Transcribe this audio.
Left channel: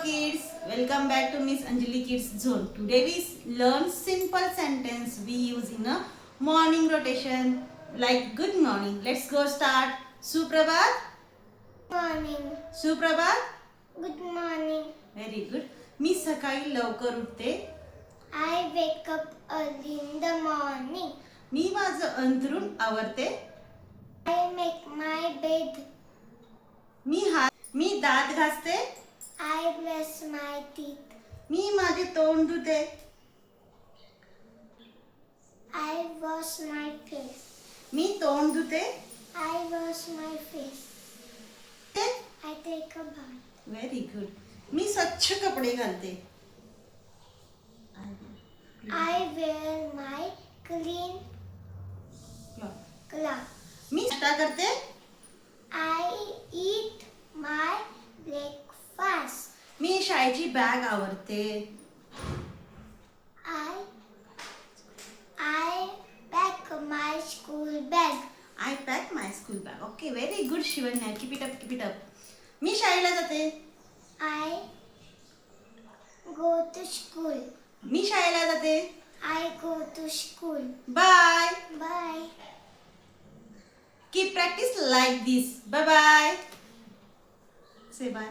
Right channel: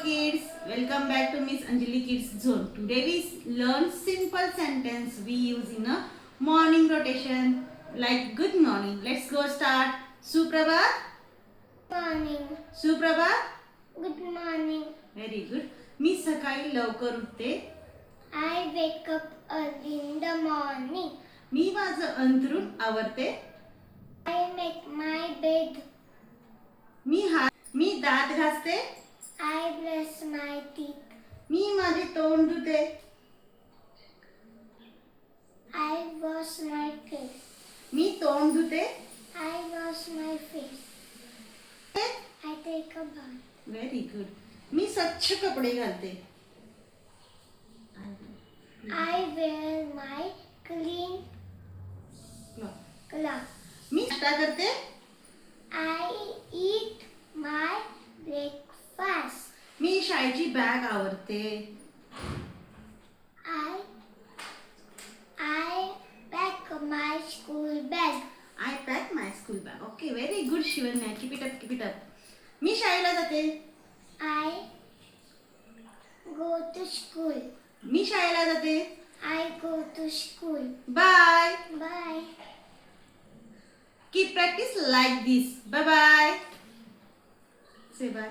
Kids, welcome back to Miss Anjali Kids Zone. Today we learn simple sentence we use in a morning rotation like good morning. Let's go start. Suprabhat. Morning. Suprabhat. Good morning. Very good. मी सकाळी लवकर उठते. I wake up early in the morning. मी माझं अंथरूण आवरते. I make my bed. मी दात घासते. I brush my teeth. मी माझे तोंड धुते. I wash my face. मी तोंड धुते. I wash my face. I take a bath. Very good. मी स्वच्छ कपडे घालते. I wear my clean clothes. मी नाश्ता करते. I eat my breakfast. मी शाळेची बॅग आवरते. I pack my school bag. I pack my school bag. Okay very good Shivanya. Keep it up keep it up. मी शाळेला जाते. I go to school. मी शाळेला जाते. I go to school. Bye. Bye. Keep practice like this. Bye bye. Say bye.